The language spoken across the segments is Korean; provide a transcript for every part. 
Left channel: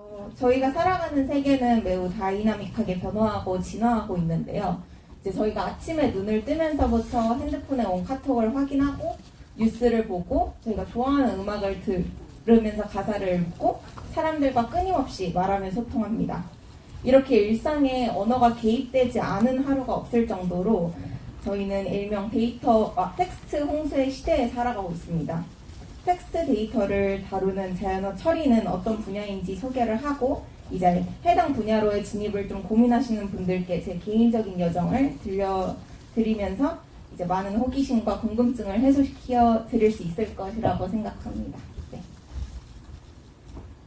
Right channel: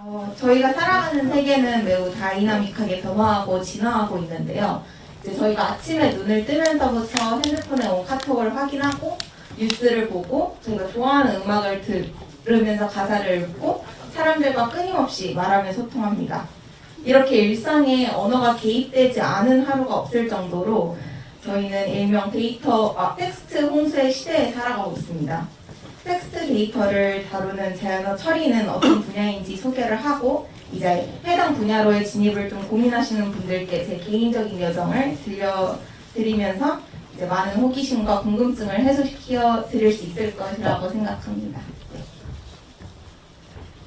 어, 저희가 살아가는 세계는 매우 다이나믹하게 변화하고 진화하고 있는데요. 이제 저희가 아침에 눈을 뜨면서부터 핸드폰에 온 카톡을 확인하고 뉴스를 보고 저희가 좋아하는 음악을 들으면서 가사를 읽고 사람들과 끊임없이 말하며 소통합니다. 이렇게 일상에 언어가 개입되지 않은 하루가 없을 정도로 저희는 일명 데이터, 아, 텍스트 홍수의 시대에 살아가고 있습니다. 텍스트 데이터를 다루는 자연어 처리는 어떤 분야인지 소개를 하고 이제 해당 분야로의 진입을 좀 고민하시는 분들께 제 개인적인 여정을 들려드리면서 이제 많은 호기심과 궁금증을 해소시켜 드릴 수 있을 것이라고 생각합니다. 네.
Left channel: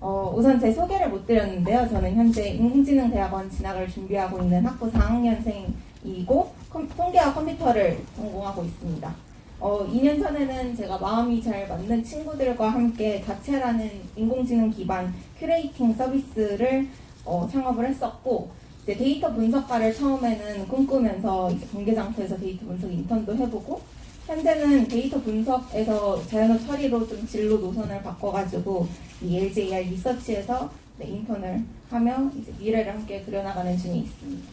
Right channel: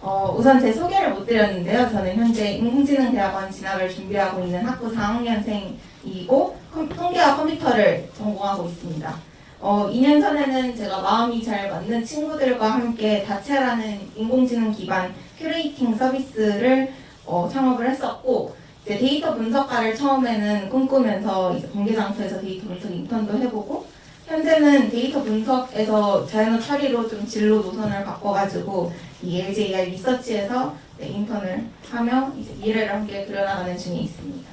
어, 우선 제 소개를 못 드렸는데요. 저는 현재 인공지능대학원 진학을 준비하고 있는 학부 4학년생이고 컴- 통계와 컴퓨터를 전공하고 있습니다. 어, 2년 전에는 제가 마음이 잘 맞는 친구들과 함께 다채라는 인공지능 기반 큐레이팅 서비스를 어, 창업을 했었고 이제 데이터 분석가를 처음에는 꿈꾸면서 이제 관계장터에서 데이터 분석 인턴도 해보고 현재는 데이터 분석에서 자연어 처리로 좀 진로 노선을 바꿔가지고 이 LJR 리서치에서 네, 인턴을 하며 이제 미래를 함께 그려나가는 중에 있습니다.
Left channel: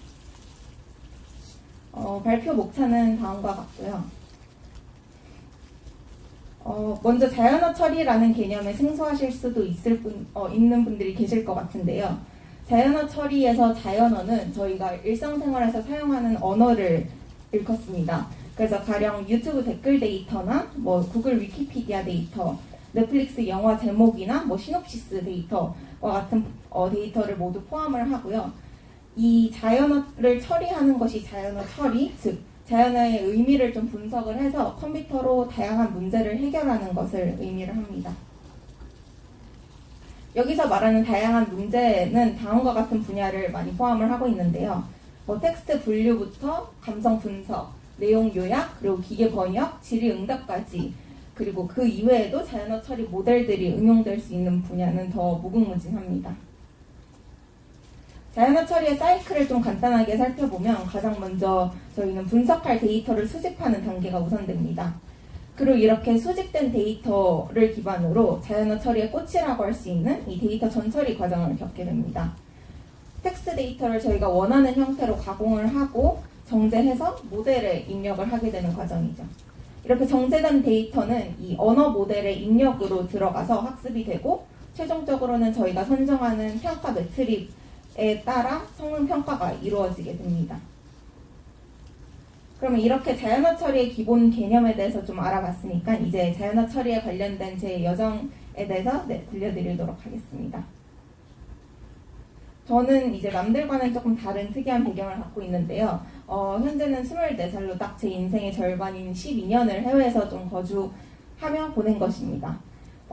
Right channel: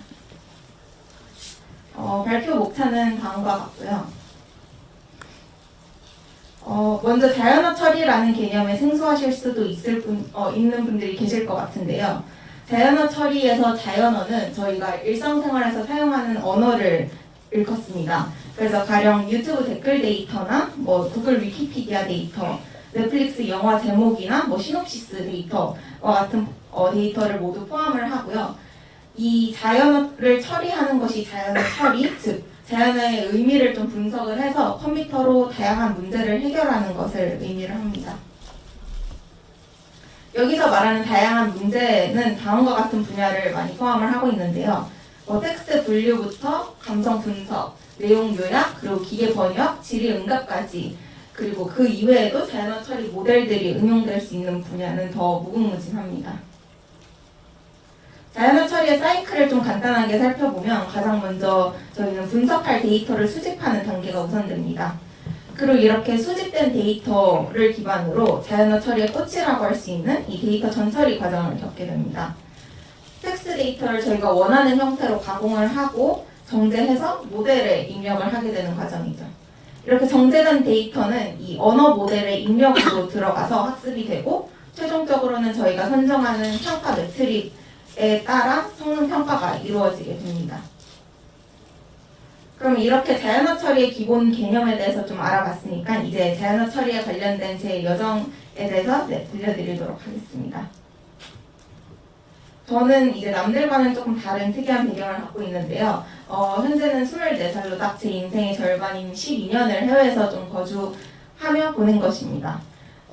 어, 발표 목차는 다음과 같고요. 어, 먼저 자연어 처리라는 개념에 생소하실 수도 있을 분, 어, 있는 분들이 계실 것 같은데요. 자연어 처리에서 자연어는 저희가 일상생활에서 사용하는 언어를 일컫습니다. 그래서 가령 유튜브 댓글 데이터나 뭐 구글 위키피디아 데이터, 넷플릭스 영화 제목이나 뭐 시놉시스 데이터와 같은 어, 데이터를 모두 포함을 하고요. 이 자연어를 처리하는 것이 자연어 처리, 즉 자연어의 의미를 좀 분석을 해서 컴퓨터로 다양한 문제를 해결하는 것을 의미를 합니다. 여기서 말하는 다양한 문제는 다음과 같은 분야를 많이 포함을 하고 있는데요. 어, 텍스트 분류부터 감성 분석, 내용 요약, 그리고 기계 번역, 질의 응답까지 그리고 그 이외에도 자연어 처리 모델들이 응용될 수 있는 분야는 더 무궁무진합니다. 자연어 처리의 사이클을 좀 간단하게 살펴보면 가장 먼저 저희는 분석할 데이터를 수집하는 단계가 우선됩니다. 그리고 이렇게 수집된 데이터를 기반으로 자연어 처리의 꽃이라고 할 수 있는 이 데이터 전처리 과정을 겪게 됩니다. 텍스트 데이터를 저희가 원하는 형태로 가공을 하고 정제해서 모델에 입력을 하게 되는 과정이죠. 이렇게 정제된 데이터는 이 언어 모델의 입력으로 들어가서 학습이 되고 최종적으로는 저희가 선정하는 평가 매트릭 에 따라 성능 평가가 이루어지게 됩니다. 그럼 이렇게 자연어 처리의 기본 개념에 대해서 좀 알아봤으니까 이제 자연어 처리에 관련된 제 여정에 대해서 네, 들려드리도록 하겠습니다. 저는 이제 남들과는 조금 다른 특이한 배경을 갖고 있는데요. 어, 현재는 24살로 딱 제 인생의 절반인 12년을 해외에서 좀 거주하며 보낸 것입니다.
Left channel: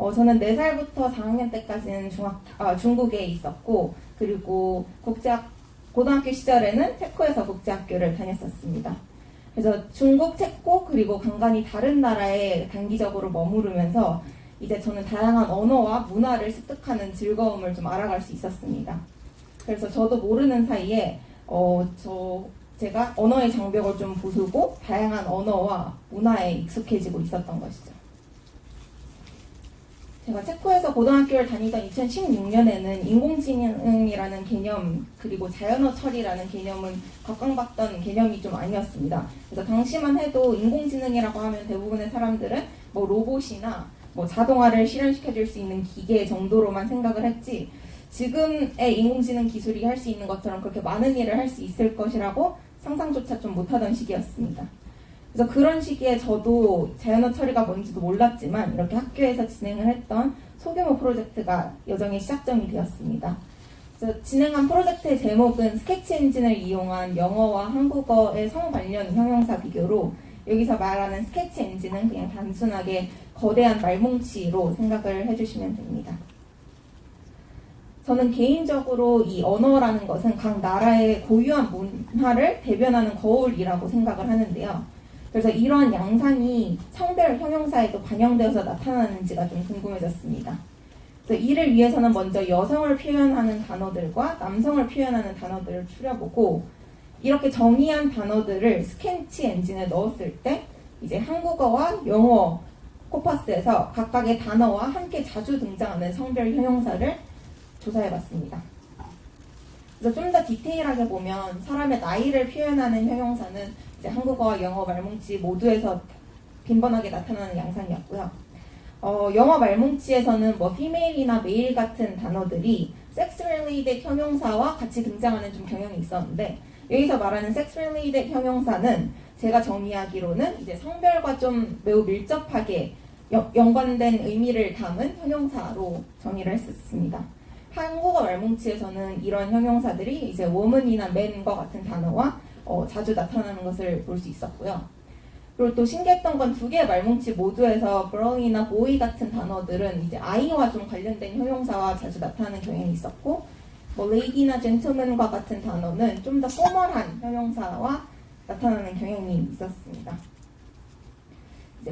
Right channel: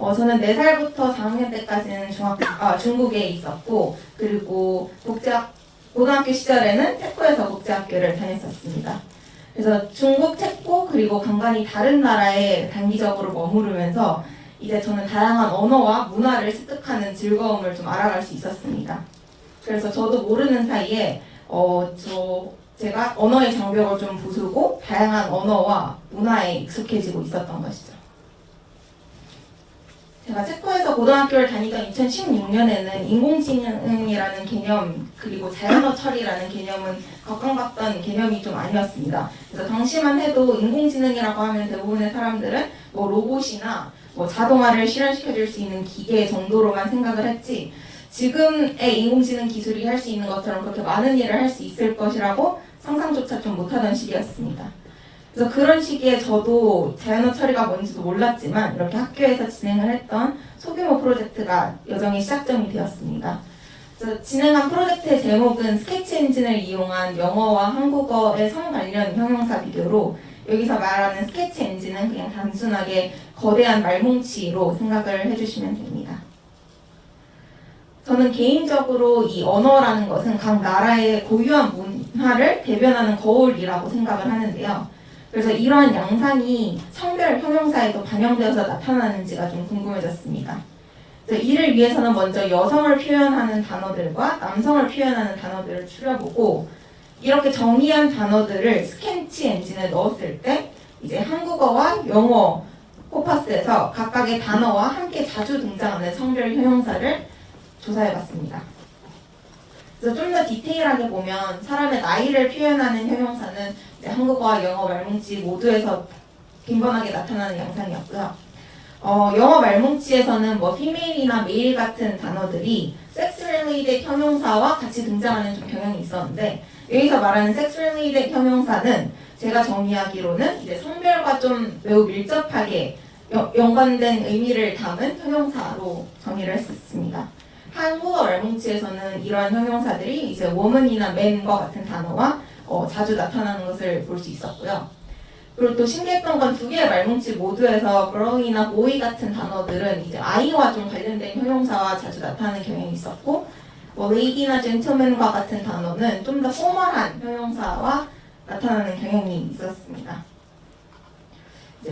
어, 저는 4살부터 4학년 때까지는 중학교, 아, 중국에 있었고, 그리고 국제학, 고등학교 시절에는 체코에서 국제학교를 다녔었습니다. 그래서 중국, 체코, 그리고 간간히 다른 나라에 단기적으로 머무르면서 이제 저는 다양한 언어와 문화를 습득하는 즐거움을 좀 알아갈 수 있었습니다. 그래서 저도 모르는 사이에 어, 저 제가 언어의 장벽을 좀 부수고 다양한 언어와 문화에 익숙해지고 있었던 것이죠. 제가 체코에서 고등학교를 다니던 2016년에는 인공지능이라는 개념 그리고 자연어 처리라는 개념은 각광받던 개념이 좀 아니었습니다. 그래서 당시만 해도 인공지능이라고 하면 대부분의 사람들은 뭐 로봇이나 뭐 자동화를 실현시켜줄 수 있는 기계 정도로만 생각을 했지 지금의 인공지능 기술이 할 수 있는 것처럼 그렇게 많은 일을 할 수 있을 것이라고 상상조차 좀 못하던 시기였습니다. 그래서 그런 시기에 저도 자연어 처리가 뭔지도 몰랐지만 이렇게 학교에서 진행을 했던 소규모 프로젝트가 여정의 시작점이 되었습니다. 진행한 프로젝트의 제목은 스케치 엔진을 이용한 영어와 한국어의 성 관련 형용사 비교로 여기서 말하는 스케치 엔진은 그냥 단순하게 거대한 말뭉치로 생각을 해주시면 됩니다. 저는 개인적으로 이 언어라는 것은 각 나라의 고유한 문화를 대변하는 거울이라고 생각을 하는데요. 그래서 이러한 양상이 성별 형용사에도 반영되어서 나타나는지가 좀 궁금해졌습니다. 그래서 이를 위해서는 먼저 여성을 표현하는 단어들과 남성을 표현하는 단어들을 추려보고 이렇게 정의한 단어들을 스캔치 엔진에 넣었을 때 이제 한국어와 영어 코파스에서 각각의 단어와 함께 자주 등장하는 성별 형용사를 조사해봤습니다. 그래서 좀 더 디테일하게 보면 사람의 나이를 표현하는 형용사는 한국어와 영어 말뭉치 모두에서 빈번하게 나타나는 양상이었고요. 어, 영어 말뭉치에서는 뭐 female이나 male 같은 단어들이 sex related 형용사와 같이 등장하는 좀 경향이 있었는데 여기서 말하는 sex related 형용사는 제가 정의하기로는 이제 성별과 좀 매우 밀접하게 여- 연관된 의미를 담은 형용사로 정의를 했었습니다. 한국어 말뭉치에서는 이런 형용사들이 이제 woman이나 man과 같은 단어와 어, 자주 나타나는 것을 볼 수 있었고요. 그리고 또 신기했던 건 두 개의 말뭉치 모두에서 girl이나 boy 같은 단어들은 이제 아이와 좀 관련된 형용사와 자주 나타나는 경향이 있었고 뭐 lady나 gentleman과 같은 단어는 좀 더 포멀한 형용사와 나타나는 경향이 있었습니다.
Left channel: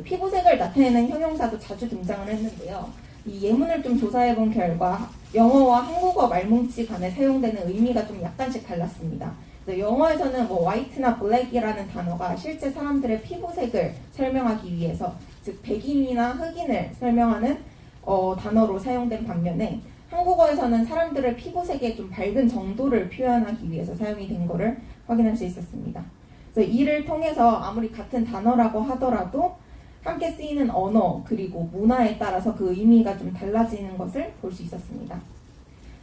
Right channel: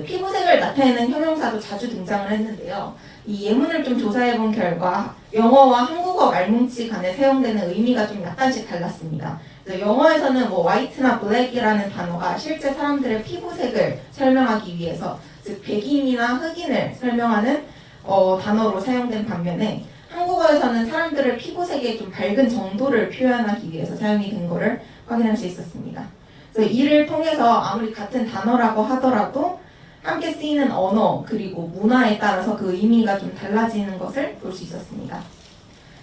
피부색을 나타내는 형용사도 자주 등장을 했는데요. 이 예문을 좀 조사해 본 결과 영어와 한국어 말뭉치 간에 사용되는 의미가 좀 약간씩 달랐습니다. 영어에서는 뭐 white나 black이라는 단어가 실제 사람들의 피부색을 설명하기 위해서 즉 백인이나 흑인을 설명하는 어, 단어로 사용된 반면에 한국어에서는 사람들의 피부색의 좀 밝은 정도를 표현하기 위해서 사용이 된 것을 확인할 수 있었습니다. 그래서 이를 통해서 아무리 같은 단어라고 하더라도 함께 쓰이는 언어 그리고 문화에 따라서 그 의미가 좀 달라지는 것을 볼 수 있었습니다.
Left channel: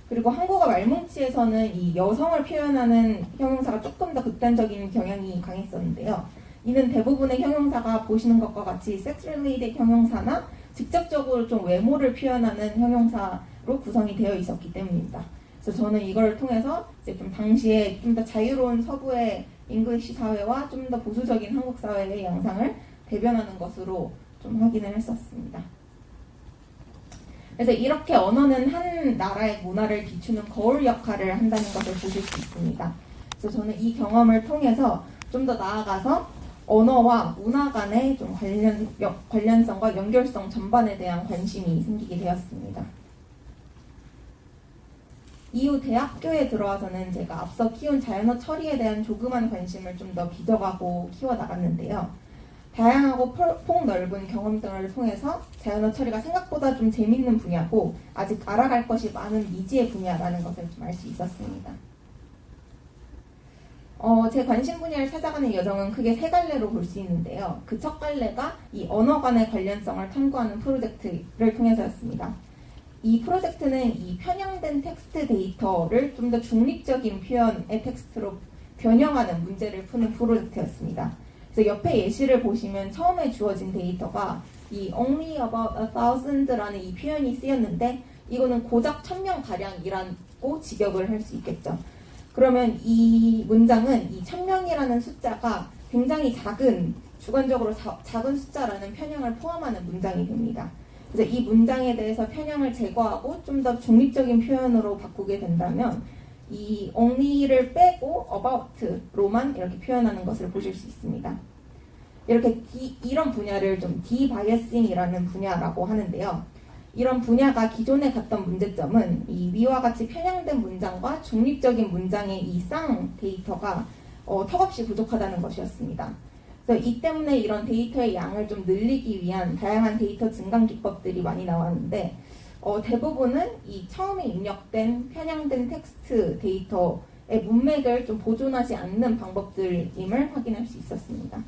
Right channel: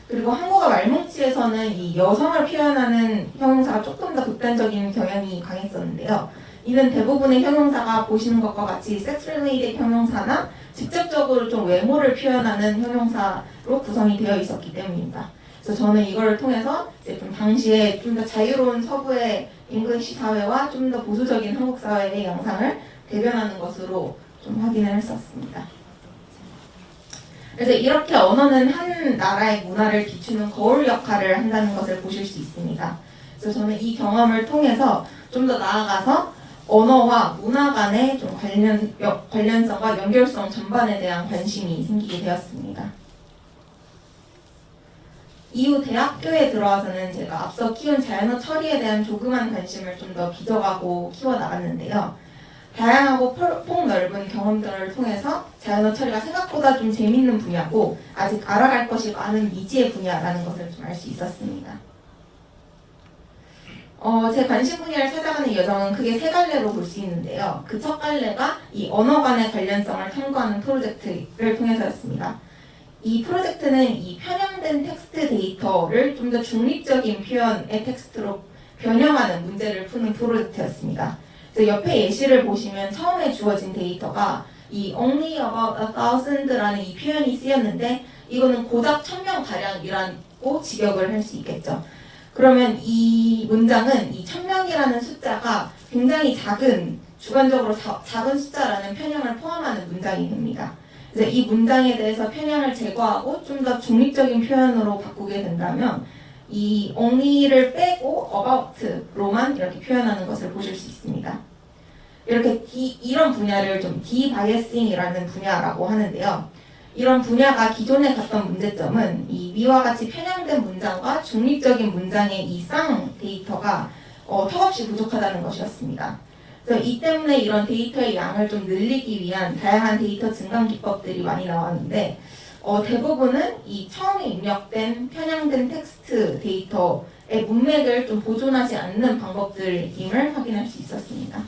그리고 한국어 말뭉치에서는 이 여성을 표현하는 형용사가 조금 더 극단적인 경향이 강했었는데요. 이는 대부분의 형용사가 보시는 것과 같이 related 형용사나 직접적으로 좀 외모를 표현하는 형용사로 구성이 되어 있었기 때문입니다. 그래서 저는 이걸 통해서 이제 좀 당시에 좀 더 자유로운 서부의 잉글리시 사회와 좀 더 보수적인 한국 사회의 양상을 대변하는 것으로 좀 확인을 했었습니다. 그래서 이렇게 언어는 한 나라의 문화를 비추는 거울 역할을 한다는 것을 보실 수 있습니다. 그래서 저는 이 경험을 통해서 좀 더 나아가서 언어와 문화 간의 좀 관련 여- 관련성과 연결성 전반에 대한 관심이 생기게 되었습니다. 이후 대학교에 들어와서는 제가 앞서 키운 자연어 처리에 대한 조그만 관심을 좀더 빚어가고 키워나갔는데요. 다양하고 폭- 폭넓은 경험들을 통해서 자연어 처리가 생각보다 좀 재밌는 분야고 아직 알아갈 것이 많은 미지의 분야라는 것을 좀 알 수 있었습니다. 어, 제 관심 분야를 찾아가는 여정은 크게 세 갈래로 볼 수 있는데요. 그 첫 갈래가 이 언어 간의 관련성을 탐구하는 프로젝트를 통해서였습니다. 이 프로젝트는 이 편향된 텍스트 데이터를 좀 더 중립적인 표현의 텍스트로 변형하는 문제를 푸는 프로젝트였습니다. 그래서 옆에 예시를 보시면 처음에 주어진 데이터가 이 only about a thousand라는 이 표현이 쓰였는데 이거는 고작 천명 가량이라고 직역을 할 수 있겠죠. 그러면 이 문장은 이 천명이라는 숫자가 굉장히 작은 주관적으로 자- 작은 숫자라는 편향을 포함하는 문장이 됩니다. 그래서 이 문장에 대해서 편향을 제거하고 좀 더 중립적인 표현으로 바꾸게 된다면 이 only를 빼고 about로만 이렇게 표현하는 것을 보실 수 있습니다. 이렇게 디- 이런 분야를 좀 디바이어싱이라는 분야라고 하는데요. 이런 분야가 기존에 갔던 문제점은 이 위와 같이 편향된 문장과 중립적인 문장의 이 쌍 데이터가 어, 턱없이 부족하다는 것이었습니다. 그래서 이 때문에 이런 데이터의 양을 좀 늘리기 위한 다양한 데이터 증강 기법들이 많이 나왔는데 어, 대부분은 이 처음에 입력된 편향된 텍스트 데이터의 문맥을 좀 보존하지 않는 방법들임을 확인할 수 있었습니다.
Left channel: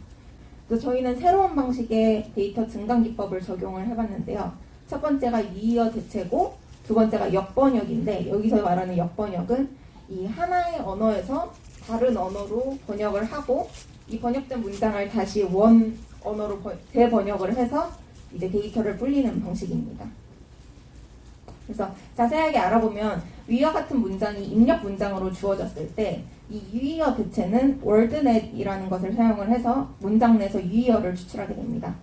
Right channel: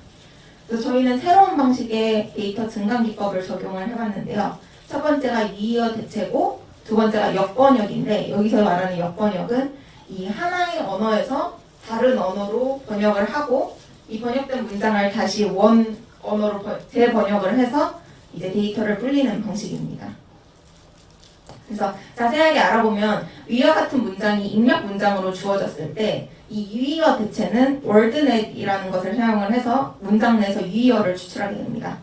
그래서 저희는 새로운 방식의 데이터 증강 기법을 적용을 해봤는데요. 첫 번째가 유의어 대체고 두 번째가 역번역인데 여기서 말하는 역번역은 이 하나의 언어에서 다른 언어로 번역을 하고 이 번역된 문장을 다시 원 언어로 번- 재번역을 해서 이제 데이터를 불리는 방식입니다. 그래서 자세하게 알아보면 위와 같은 문장이 입력 문장으로 주어졌을 때 이 유의어 대체는 월드넷이라는 것을 사용을 해서 문장 내에서 유의어를 추출하게 됩니다.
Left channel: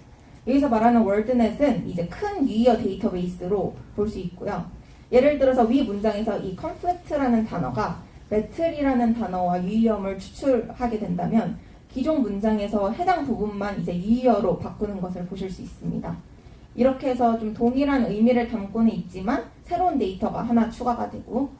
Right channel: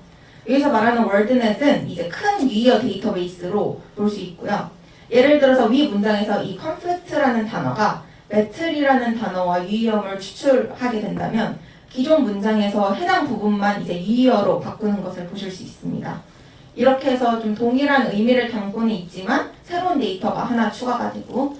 여기서 말하는 월드넷은 이제 큰 유의어 데이터베이스로 볼 수 있고요. 예를 들어서 위 문장에서 이 conflict라는 단어가 배틀이라는 단어와 유의어를 추출하게 된다면 기존 문장에서 해당 부분만 이제 유의어로 바꾸는 것을 보실 수 있습니다. 이렇게 해서 좀 동일한 의미를 담고는 있지만 새로운 데이터가 하나 추가가 되고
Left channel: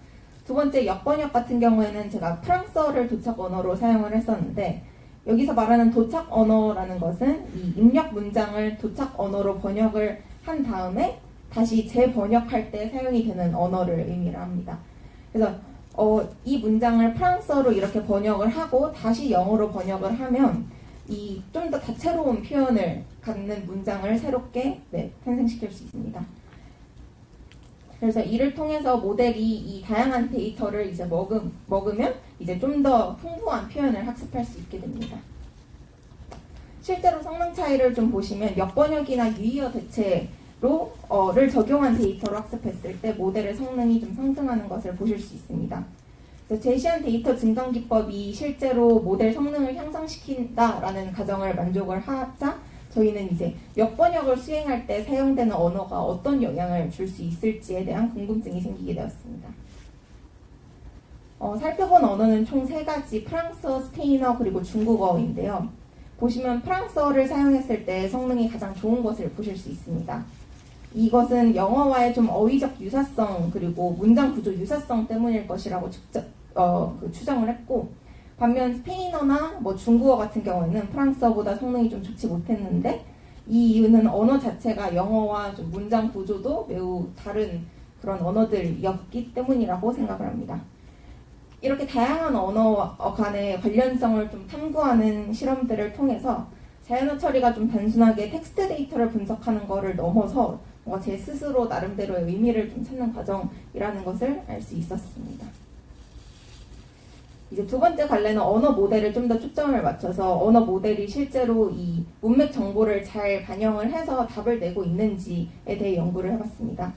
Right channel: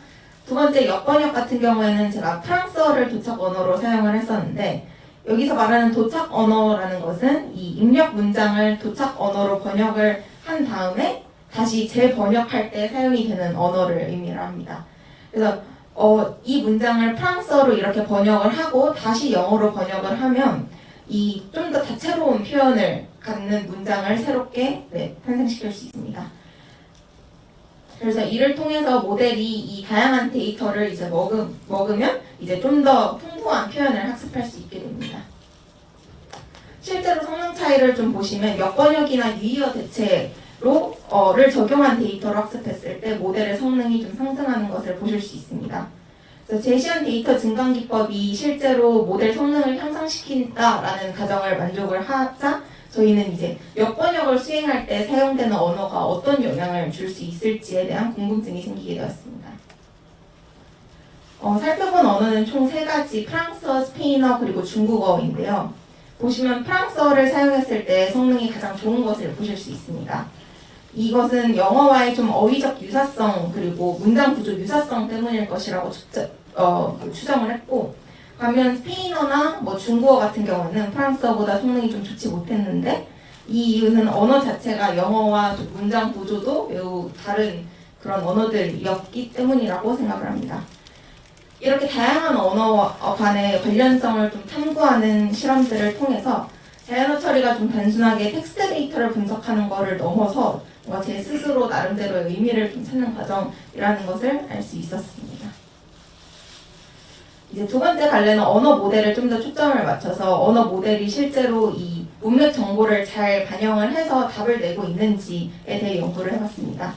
두 번째 역번역 같은 경우에는 제가 프랑스어를 도착 언어로 사용을 했었는데 여기서 말하는 도착 언어라는 것은 이 입력 문장을 도착 언어로 번역을 한 다음에 다시 재번역할 때 사용이 되는 언어를 의미를 합니다. 그래서 어, 이 문장을 프랑스어로 이렇게 번역을 하고 다시 영어로 번역을 하면 이 좀 더 다채로운 표현을 갖는 문장을 새롭게 네, 탄생시킬 수 있습니다. 그래서 이를 통해서 모델이 이 다양한 데이터를 이제 먹음, 먹으면 이제 좀 더 풍부한 표현을 학습할 수 있게 됩니다. 실제로 성능 차이를 좀 보시면 역번역이나 유의어 대체로 어를 적용한 데이터로 학습했을 때 모델의 성능이 좀 상승하는 것을 보실 수 있습니다. 그래서 제시한 데이터 증강 기법이 실제로 모델 성능을 향상시킨다라는 가정을 만족을 하자 저희는 이제 역번역을 수행할 때 사용되는 언어가 어떤 영향을 줄 수 있을지에 대한 궁금증이 생기게 되었습니다. 어, 살펴본 언어는 총 세 가지 프랑스어, 스페인어 그리고 중국어인데요. 보시면 프랑스어를 사용했을 때 성능이 가장 좋은 것을 보실 수 있습니다. 이것은 영어와의 좀 어휘적 유사성 그리고 문장 구조 유사성 때문일 것이라고 추정, 어, 그 추정을 했고 반면 스페인어나 뭐 중국어 같은 경우는 프랑스어보다 성능이 좀 좋지 못했는데 이 이유는 언어 자체가 영어와 좀 문장 구조도 매우 다른 그런 언어들이었기 때문이라고 생각을 합니다. 이렇게 다양한 언어 간의 관련성을 좀 탐구하는 실험들을 통해서 자연어 처리가 좀 단순하게 텍스트 데이터를 분석하는 것을 넘어서 제 스스로 나름대로의 의미를 좀 찾는 과정이라는 것을 알 수 있었습니다. 이제 두 번째 갈래는 언어 모델을 좀 더 초점을 맞춰서 언어 모델이 실제로 이 문맥 정보를 잘 반영을 해서 답을 내고 있는지에 대해 연구를 해봤습니다.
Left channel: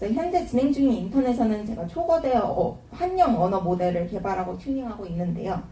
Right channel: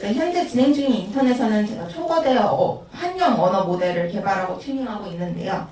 네, 현재 진행 중인 인턴에서는 제가 초거대 어, 한영 언어 모델을 개발하고 튜닝하고 있는데요.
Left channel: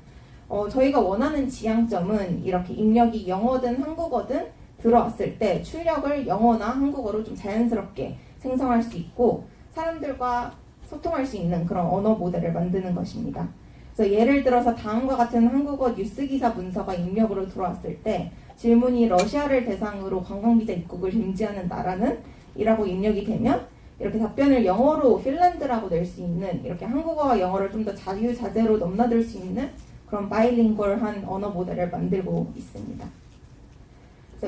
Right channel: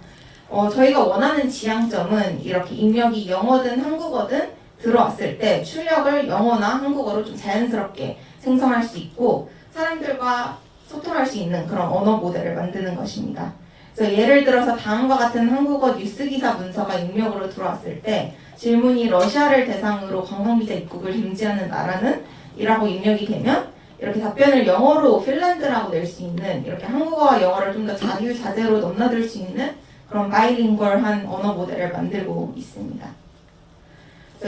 어, 저희가 원하는 지향점은 이렇게 입력이 영어든 한국어든 들어왔을 때 출력을 영어나 한국어로 좀 자연스럽게 생성할 수 있고 사람들과 소통할 수 있는 그런 언어 모델을 만드는 것입니다. 그래서 예를 들어서 다음과 같은 한국어 뉴스 기사 문서가 입력으로 들어왔을 때 질문이 러시아를 대상으로 관광비자 입국을 금지하는 나라는 이라고 입력이 되면 이렇게 답변을 영어로 핀란드라고 낼 수 있는 이렇게 한국어와 영어를 좀 더 자유자재로 넘나들 수 있는 그런 바이링걸한 언어 모델을 만들고 있습니다.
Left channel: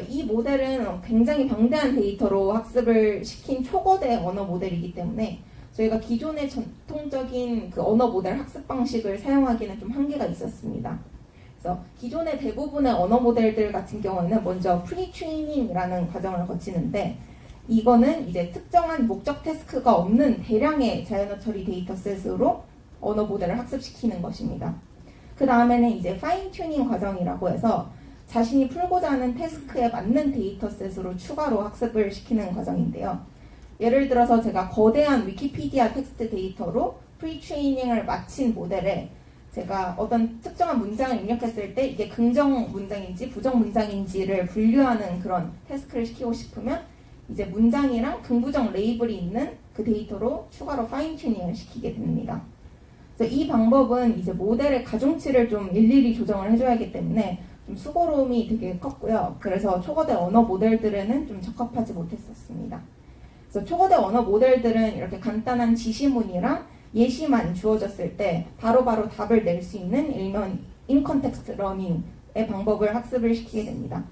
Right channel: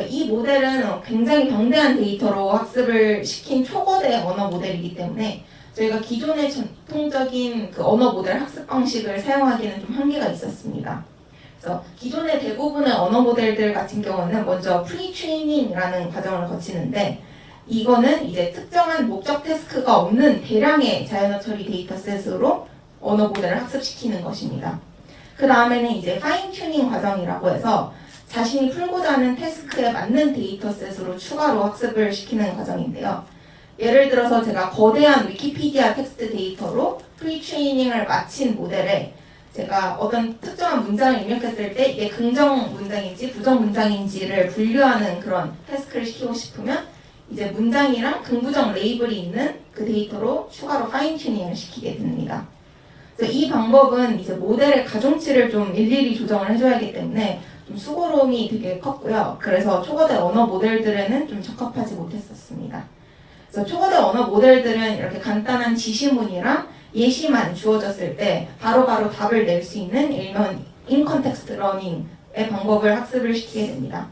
이 모델은 굉장히 방대한 데이터로 학습을 시킨 초거대 언어 모델이기 때문에 저희가 기존의 전통적인 그 언어 모델 학습 방식을 사용하기는 좀 한계가 있었습니다. 그래서 기존의 대부분의 언어 모델들 같은 경우는 먼저 프리-트레이닝이라는 과정을 거치는데 이거는 이제 특정한 목적 태스크가 없는 대량의 자연어 처리 데이터셋으로 언어 모델을 학습시키는 것입니다. 그 다음에는 이제 파인 튜닝 과정이라고 해서 자신이 풀고자 하는 태스크에 맞는 데이터셋으로 추가로 학습을 시키는 과정인데요. 예를 들어서 제가 거대한 위키피디아 텍스트 데이터로 프리 트레이닝을 마친 모델에 제가 어떤 특정한 문장을 입력했을 때 이게 긍정 문장인지 부정 문장인지를 분류하는 그런 태스크를 시키고 싶으면 이제 문장이랑 긍부정 레이블이 있는 그 데이터로 추가로 파인 튜닝을 시키게 됩니다. 이 방법은 이제 모델의 가중치를 좀 일일이 조정을 해줘야 하기 때문에 좀 수고로움이 되게 컸고요. 그래서 초거대 언어 모델들에는 좀 적합하지 못했었습니다. 그래서 초거대 언어 모델들은 이렇게 간단한 지시문이랑 예시만 주어졌을 때 바로바로 답을 낼 수 있는 일명 인컨텍스트 러닝의 방법을 학습을 시키게 됩니다.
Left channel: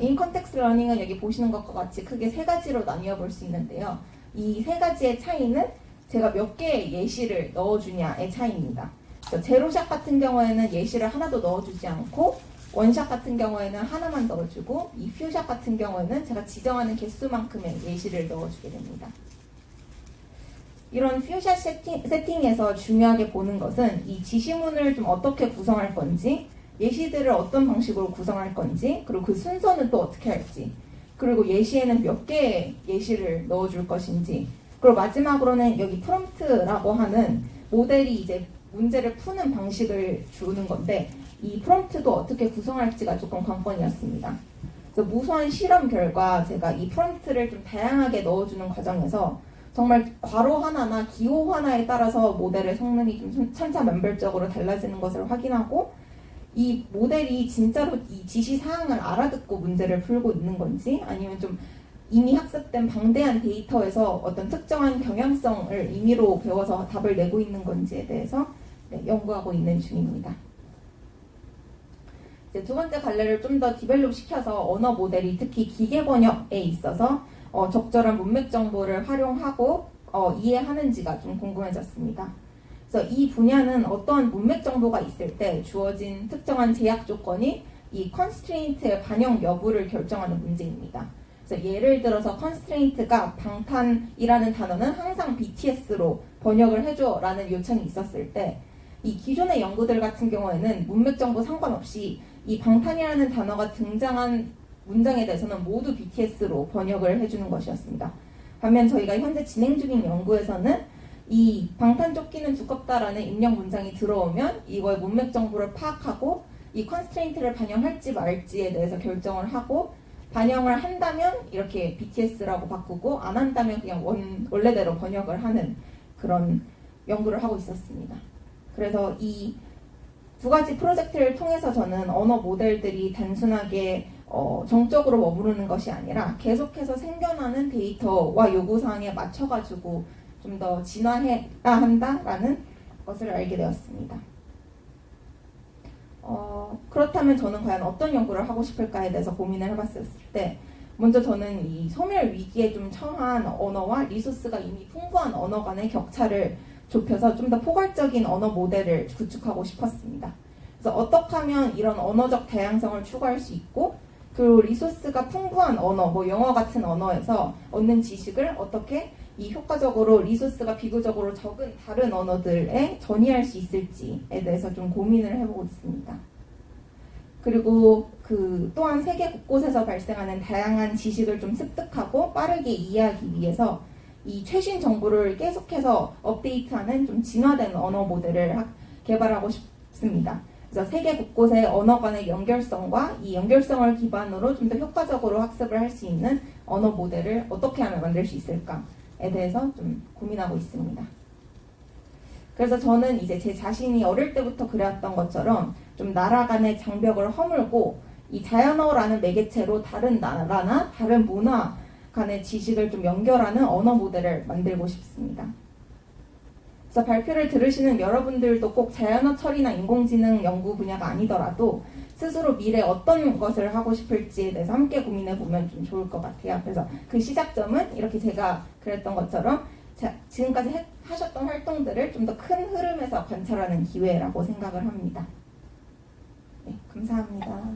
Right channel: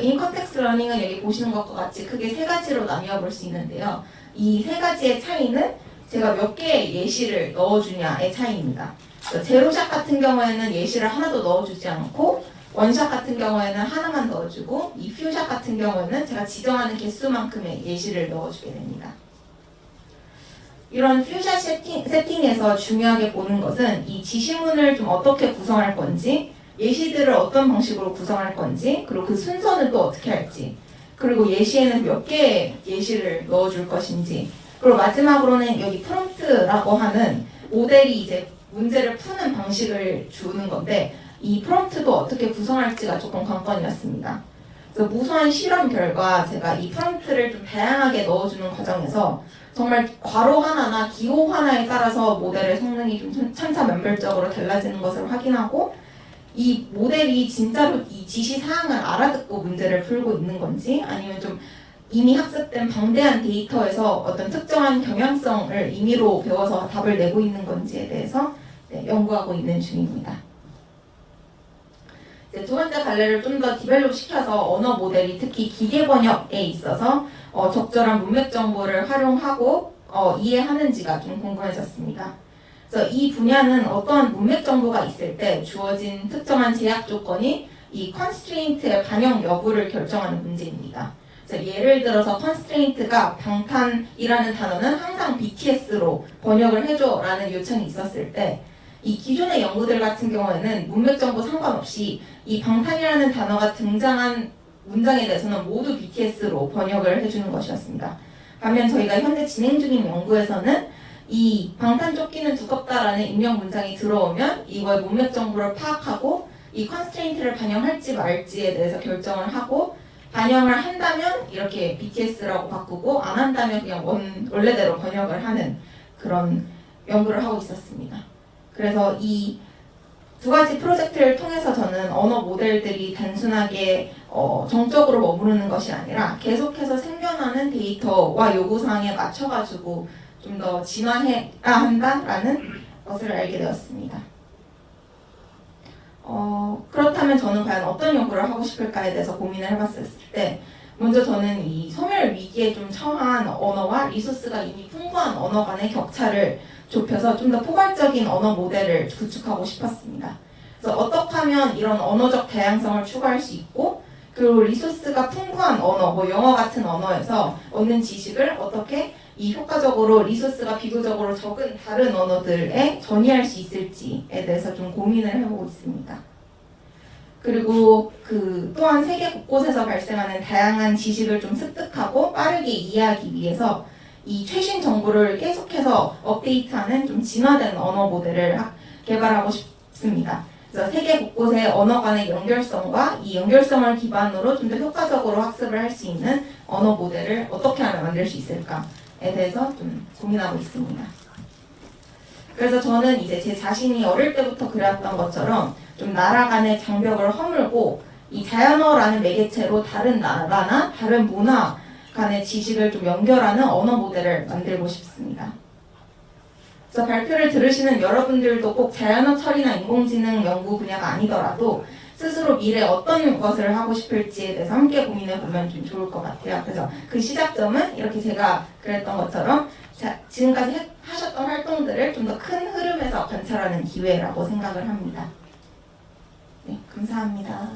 인컨텍스트 러닝은 여기 보시는 것과 같이 크게 세 가지로 나뉘어 볼 수 있는데요. 이 세 가지의 차이는 제가 몇 개의 예시를 넣어주냐의 차이입니다. 제로샷 같은 경우에는 예시를 하나도 넣어주지 않고 원샷 같은 경우에는 하나만 넣어주고 이 퓨샷 같은 경우에는 제가 지정하는 개수만큼의 예시를 넣어주게 됩니다. 이런 퓨샷 세팅, 세팅에서 중요하게 보는 것은 이 지시문을 좀 어떻게 구성할 건지 예시들을 어떤 방식으로 구성할 건지 그리고 그 순서는 또 어떻게 할지 그리고 예시에는 몇 개의 예시를 넣어줄 것인지 그리고 마지막으로는 여기 프롬프트라고 하는 모델이 이제 문제를 푸는 방식을 주는 건데 이 프롬프트도 어떻게 구성할지가 조금 관건이었습니다. 그래서 무수한 실험 결과 제가 이 프롬프트를 좀 다양하게 넣어주는 과정에서 정말 괄호 하나나 기호 하나에 따라서 모델의 성능이 좀 천차만별적으로 달라지는 것을 확인하고 이 모델이 진짜로 이 지시 사항을 알아듣고 문제를 풀고 있는 건지 아니면 좀 이미 학습된 방대한 데이터에서 어떤 특정한 경향성을 임의로 배워서 답을 내고 있는 건지에 대해서 네, 연구하고 있는 중입니다. 이제 두 번째 갈래를 좀 더 디벨롭 시켜서 언어 모델이 특히 기계 번역에 있어서 어, 적절한 문맥 정보를 활용하고 어, 이해하는지가 좀 궁금해졌습니다. 그래서 이 분야는 어떠한 문맥 정보가 있을 때 주어진 특정한 제약 조건이 이 컨스트레인트의 반영 여부를 결정하는 문제입니다. 그래서 예를 들어서 컨스트레인트가 방탄이라는 단어는 항상 BTS로 번역을 해줘라는 요청이 있었을 때 이 기존의 연구들 같은 경우에는 문맥 정보 상관없이 이 방탄이라는 단어가 등장한 문장에 대해서는 모두 BTS로 번역을 해주는 것이었습니다. 반면 저희가 현재 진행 중인 연구에서는 이 방탄 조끼는 두껍다라는 입력 문장이 들어오면 이거의 문맥 정보를 파악하고 이 컨스트레인트를 반영할지 말지에 대해서 결정을 하고 반영을 한다면 이렇게 BTS라고 바꾸고 안 한다면 그냥 원, 원래대로 번역을 하는 그런 연구를 하고 있었습니다. 그래서 이 두 가지 프로젝트를 통해서 저는 언어 모델들이 단순하게 어, 정적으로 머무르는 것이 아니라 계속해서 생겨나는 데이터와 요구사항에 맞춰가지고 좀 더 진화해야 한다라는 것을 알게 되었습니다. 어, 그렇다면 저는 과연 어떤 연구를 하고 싶을까에 대해서 고민을 해봤을 때 먼저 저는 이 소멸 위기에 좀 처한 언어와 리소스가 이미 풍부한 언어 간의 격차를 좁혀서 좀 더 포괄적인 언어 모델을 구축하고 싶었습니다. 그래서 어떻게 하면 이런 언어적 다양성을 추구할 수 있고 그리고 리소스가 풍부한 언어, 뭐 영어 같은 언어에서 얻는 지식을 어떻게 이 효과적으로 리소스가 비교적으로 적은 다른 언어들에 전이할 수 있을지에 대해서 좀 고민을 해보고 있습니다. 그리고 그 또한 세계 곳곳에서 발생하는 다양한 지식을 좀 습득하고 빠르게 이해하기 위해서 이 최신 정보를 계속해서 업데이트하는 좀 진화된 언어 모델을 하- 개발하고 싶습니다. 그래서 세계 곳곳의 언어 간의 연결성과 이 연결성을 기반으로 좀 더 효과적으로 학습을 할 수 있는 언어 모델을 어떻게 하면 만들 수 있을까에 대해서 좀 고민하고 있습니다. 그래서 저는 이제 제 자신이 어릴 때부터 그래왔던 것처럼 좀 나라 간의 장벽을 허물고 이 자연어라는 매개체로 다른 나라나 다른 문화 간의 지식을 좀 연결하는 언어 모델을 만들고 싶습니다. 그래서 발표를 들으시는 여러분들도 꼭 자연어 처리나 인공지능 연구 분야가 아니더라도 스스로 미래 어떤 것을 하고 싶을지에 대해서 함께 고민해 보면 좀 좋을 것 같아요. 그래서 그 시작점은 이렇게 제가 그랬던 것처럼 자, 지금까지 해- 하셨던 활동들을 좀 더 큰 흐름에서 관찰하는 기회라고 생각을 합니다. 네, 감사합니다.